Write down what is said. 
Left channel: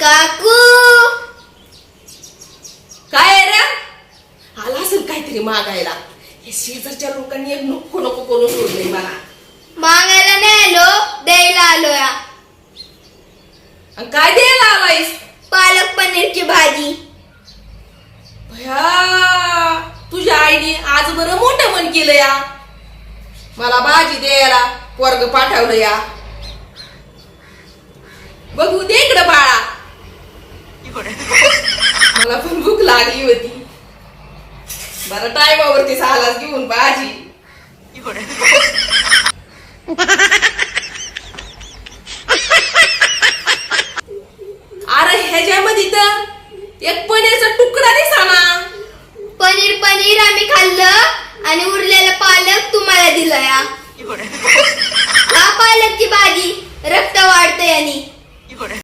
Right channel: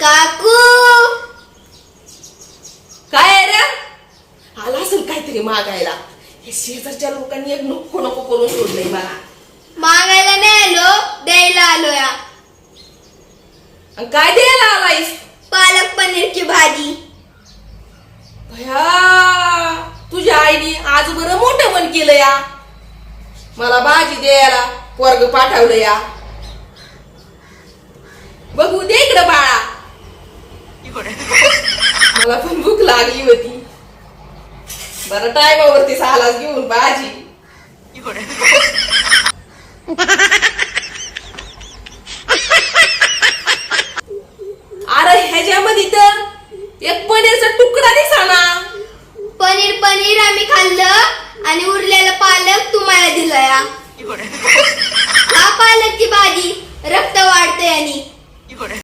काकू काय आहे रे? आला असेल काहीतरी मागायला. हे शेजारच्या लोकांनी एक नको नको करून सोडलंय मला. मागायला नाही आलो, द्यायला आलोय. आणि काय द्यायला आलायस? पालक पनीरची भाजी. भया, तुझ्या आईने आज बरं मोठं मन केलं या. मला भाजी द्यायला वर्ग पाठवलं या. बघू दे इकडं बाळा. मला पण भूक लागली होती. बरं टायमावरती आलास घेऊन भाजी. अरे ह्याच्यामध्ये तर एक पनीरचा तुकडा दिसाना. पनीर आम्ही खाल्लं आणि उरलेला पालक तुम्हाला दिलं या. हा पालकची भाजी रक्त वाढते आणि